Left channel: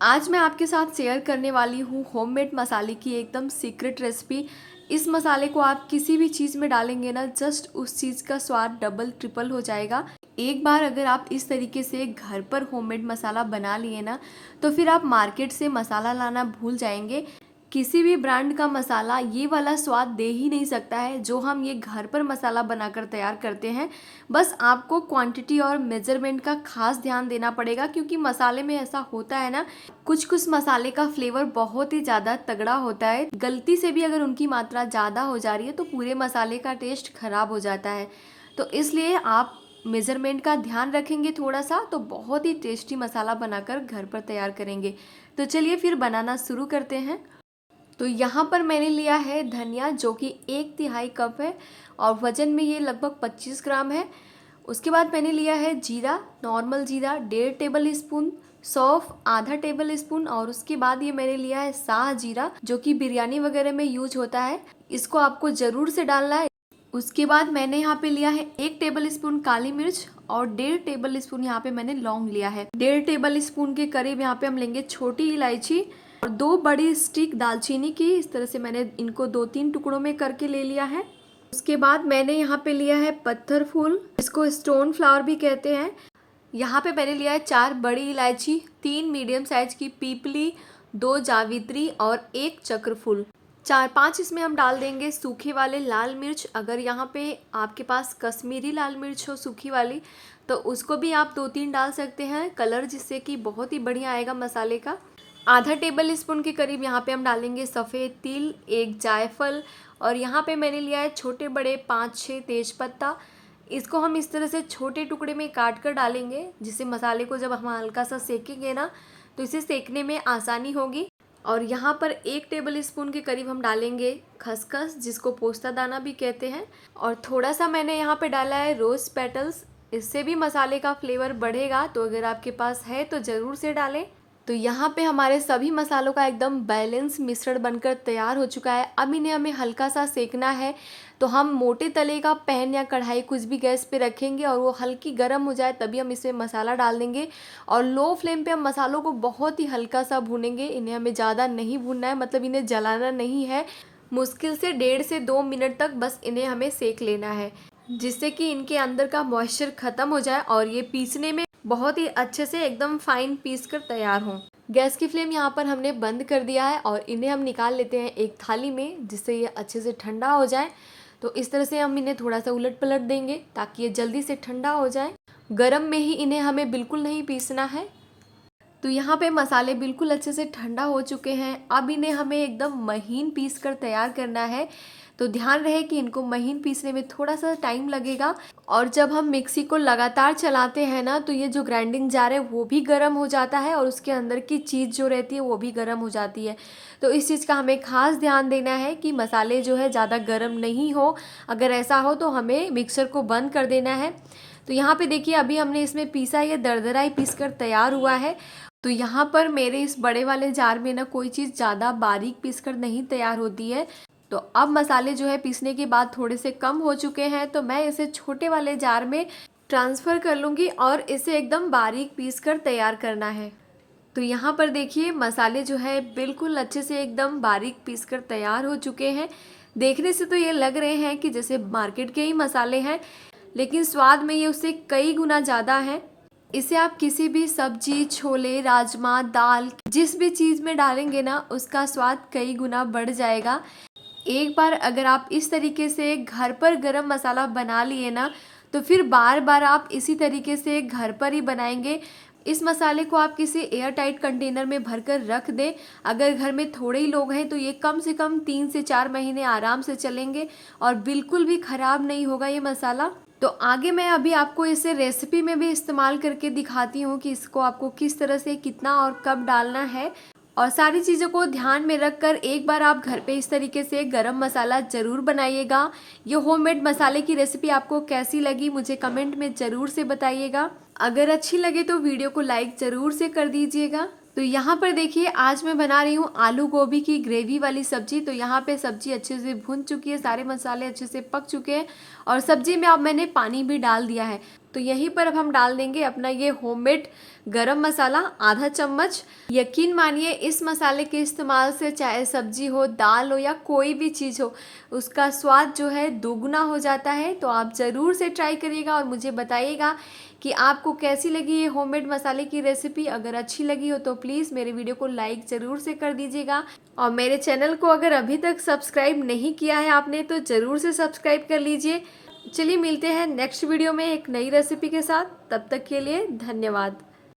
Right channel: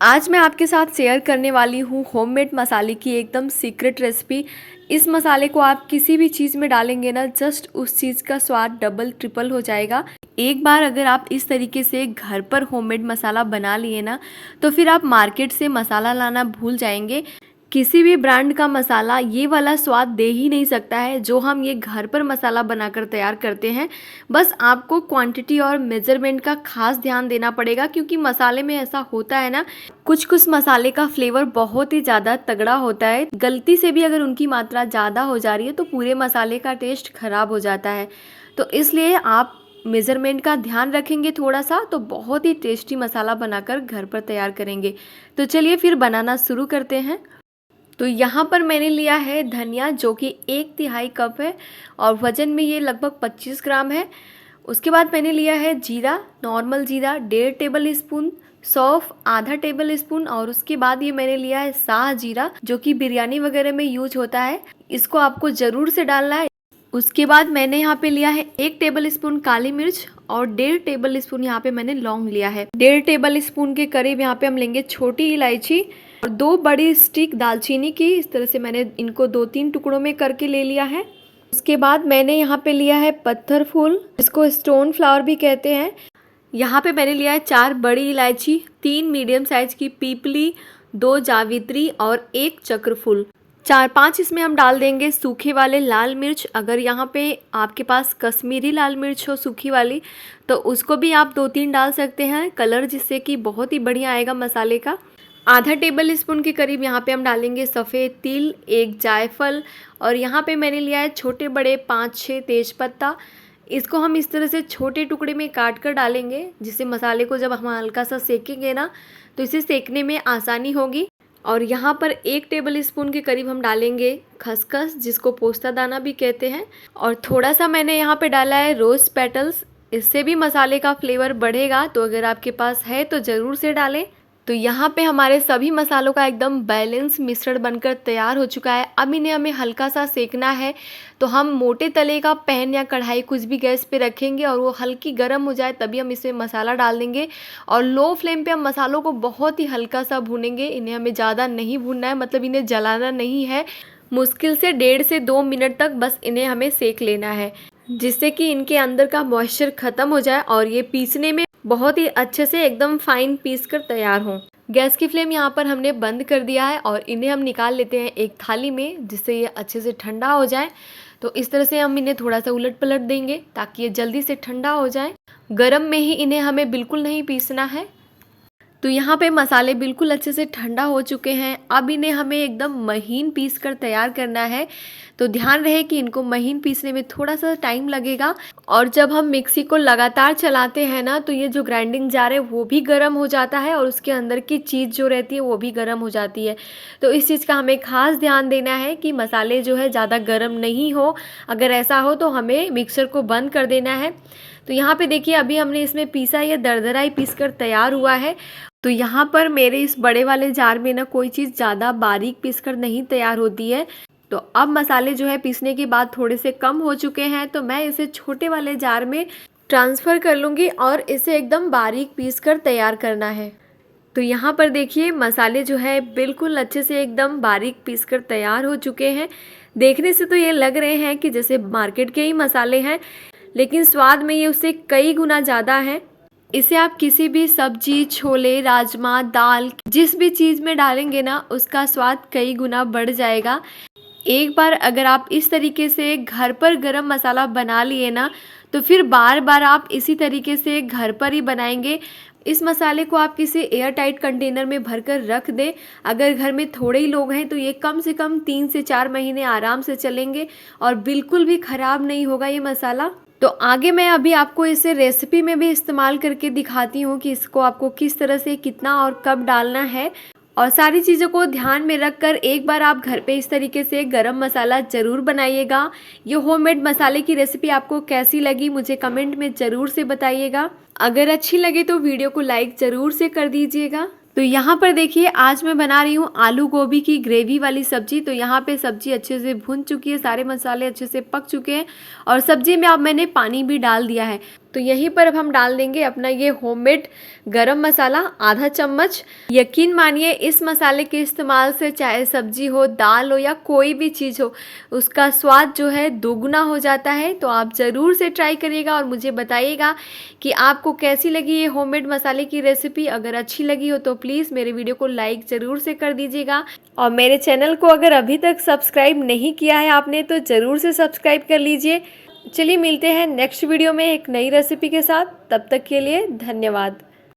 आज मैं आपके साथ शेयर करने वाली हूँ होममेड मसाले की एकदम सीक्रेट रेसिपी। इस मसाले को आप किसी भी चीज़ में डालेंगे ना, जस्ट उस चीज़ का स्वाद डबल ट्रिपल हो जाएगा। एक बार अगर आप इस तरीके से घर पर होममेड मसाला बना लिए ना, तो फिर आप मार्केट से मसाला लाना भूल जाएंगे। किसी भी ब्रांड का मसाला ये वाला स्वाद दे ही नहीं सकता है जो हम ये घर पर मसाला बनाकर तैयार करते हैं। बस आपको क्वांटिटी और मेजरमेंट का खास ध्यान देना पड़ेगा, क्योंकि मसाले में ऐसा होता है ना, कुछ कुछ मसाले का फ्लेवर बहुत ही ज़्यादा तगड़ा होता है। गलती से भी अगर उनकी मात्रा ज़्यादा हो जा रही है तो पूरे मसाले का टेस्ट खराब हो जाता है। तो इसलिए आप मेज़रमेंट का ध्यान रखेंगे थोड़ा सा, तो बहुत ही टेस्टी मसाला बनाकर घर पर तैयार करेंगे। तो चलिए फिर बनाना शुरू करते हैं। तो यहाँ पर मैंने लिया है धनिया, जो कि 1/3 कप है और वज़न में ये लगभग 25 ग्राम है। उसके बाद मैंने लिया है जीरा, नॉर्मल जीरा 1.5 टेबल स्पून, सौंफ आधा टेबल स्पून, और उसके बाद ये मैंने लिया है साह जीरा, जो कि बिरयानी वगैरह में यूज होता है। इसको आपको ज़रूर से डालना है। उसके बाद मैंने यहाँ पे लिया है 1 टेबल स्पून काली मिर्च और 1.5 टेबल स्पून यहाँ पे मैंने लौंग लिया है। 1.5 टेबल स्पून के करीब यहाँ पे हम लेंगे छोटी इलायची और 2 बड़ी स्टिक दालचीनी की। इस तरह से मैंने इनको 2-3 टुकड़ों में करके ले लिया है। उसके बाद मैंने यहाँ पे लिया है पत्थर फूल, इसको स्टोन फ्लावर भी कहते हैं। यहाँ पे मैंने लिया है 4 बड़ी इलायची, 3 मीडियम साइज की पीपली, 2 जावित्री और 1 चक्र फूल। 4-5 इसमें हम डाल देंगे सूखे वाले लाल मिर्च। अगर यहाँ पे आपके पास कश्मीरी लाल मिर्च हो सूखी वाली, तो उसको भी आप 2-3 डाल सकते हैं कलर, जिससे कि बहुत ही बढ़िया आएगा मसाले का। आधा टेबल स्पून के करीब यहाँ पे हम डालेंगे सफ़ेद तिल, 1 जायफल, और यहाँ पे मैंने लिया है छोटे बड़े 5-6 तेज़पत्ता। इसको हम इस तरह से छोटे टुकड़े में काट कर डालेंगे, जिससे मसाले को जब हम हल्का सा सेकेंगे ना, तो इसे सेकने में आसानी होगी। और यहाँ पर 1 टेबल स्पून के करीब हम डालेंगे खसखस, जिसको पोस्ता दाना भी कहते हैं, और थोड़ा सा मैंने यहाँ पे डाला है रोज़ पेटल्स। इससे भी मसाले का फ्लेवर बढ़ेगा, तो अगर आपके पास है तो ज़रूर से डालें। तो यहाँ पे हमारे सभी मसालों का एकदम बैलेंस मिश्रण बनकर तैयार हो चुका है। अब इन्हें हमें हल्का सा सेकना है। तो हम मोटे तले का पैन या कढ़ाई कुछ भी गैस पे रखेंगे और वो हल्की गर्म हो जाए, तभी हम इसमें मसाला डाल देंगे। और लो फ्लेम पे हम मसालों को बहुत ही हल्का सा भूनेंगे। इन्हें हमें ज़्यादा नहीं भूनना है, मतलब इन्हें जलाना नहीं है। मुश्किल से 1.5 से 2 मिनट तक बस इन्हें हमें सेक लेना है, जिससे कि इनके अंदर का मॉइस्चर ख़त्म हो जाए और ये पीसने में बहुत ही अच्छे से एकदम फाइन पीस कर तैयार हों। गैस की फ्लेम यहाँ पर हमने बंद कर दिया है और इन्हें हम निकाल लेते हैं एक थाली में, जिससे ये अच्छे से ठंडा हो जाए। तो इस तरह से हम इन्हें थोड़ा सा उलट पलट देंगे ताकि ये जल्दी से ठंडा हो जाए। गरम में ही इन्हें हमें बिल्कुल नहीं पीसना है। तो यहाँ पे मसाले बिल्कुल अच्छे से ठंडा हो चुके हैं। अब इन्हें हमें एकदम महीन पीस कर तैयार करना है। तो ध्यान रहे कि इनको महीन पीसने में थोड़ा सा टाइम लगेगा। और जब हम मिक्सी को लगातार चलाते हैं ना, तो ये जो ग्राइंडिंग जार है वो भी गर्म हो जाता है और उसके अंदर की चीज़ जो रहती है वो भी गर्म हो जाती है। तो इस चीज़ का हमें खास ध्यान देना है कि मसाले जो है ज़्यादा गर्म नहीं हो। अगर ऐसा हो तो हमें मिक्सर को बंद कर देना है। तो यहाँ पे देखिए, अभी हमने इसमें पीसा, ये दरदरा ही पीस कर तैयार हुआ है। तो यहाँ पर मेरे इस बड़े वाले जार में ना कोई चीज़ ज़्यादा बारीक पीस कर नहीं तैयार होती है। तो अब मसाले जो है पीसने के बाद थोड़े से कम हो चुके हैं, तो मैं इसे छोटे वाले जार में ट्रांसफ़र कर लूँगी और इसे एकदम बारीक पीस कर तैयार करना है। तो यहाँ पर देखिए, मसाले जो है बिल्कुल अच्छे से एकदम बारीक पीस कर तैयार हो चुके हैं। देखने से तो ये लग रहे हैं कि जैसे मार्केट के ही मसाले हैं, लेकिन स्वाद में ये उससे कई गुना ज़्यादा है। इसे आप किसी भी सब्जी, छोले, राजमा, दाल, जिस भी चीज़ में डालेंगे ना, उसका स्वाद कई गुना बढ़ जाएगा। एक बार अगर आप इस तरीके से घर पर गरम मसाला बना लिए ना, तो फिर बार बार आप इसी तरीके से घर पर ही बनाएंगे। इस मसाले को आप किसी एयर टाइट कंटेनर में भरकर रख दें। अगर घर में थोड़े ही लोग हैं तो ये कम से कम 3 से 4 महीने आराम से चलेंगे और बिल्कुल भी ख़राब नहीं होगा ये मसाला। तो आगे मैं अभी आपको इसे रेसिपी में भी इस्तेमाल करके दिखाती हूँ कि इसको आपको किस तरह से, कितना और कब डालना है। और सारी चीज़ों को ध्यान में रखकर एक बार आप घर पे इस तरीके से गरम मसाला ज़रूर बनाइएगा। ये होममेड मसाले की रेसिपी आपको कैसी लगी मुझे कमेंट में ज़रूर से बताइएगा। अगर अच्छी लगे तो वीडियो को लाइक ज़रूर से कर दीजिएगा। तो यहाँ पर देखिए, आज मैं बना रही हूँ आलू गोभी की ग्रेवी वाली सब्जी। तो यहाँ पे सब्जी अच्छे से भुन चुकी है, सारे मसाले अच्छे से पक चुके हैं और सब्जी में अब मैंने पानी भी डाल दिया है। तो यहीं पर अब हम डाल देंगे अपना ये होममेड गरम मसाला आधा चम्मच। यकीन मानिए इस मसाले के इस्तेमाल से चाहे सब्जी हो, दाल हो या कोई भी चीज़ हो, उसका स्वाद जो है दोगुना हो जाता है। तो आप ज़रूर से ट्राई करिएगा और मुझे बताइएगा कि आपको कैसी लगी ये होममेड मसाले की रेसिपी। अगर अच्छी लगी हो तो प्लीज़ मेरे वीडियो को लाइक ज़रूर से कर दीजिएगा और मेरे चैनल को अगर अभी तक सब्सक्राइब नहीं किया है आपने तो ज़रूर से सब्सक्राइब कर लीजिए। चलिए मिलते हैं नेक्स्ट वीडियो में एक नई रेसिपी के साथ। तब तक के लिए धन्यवाद।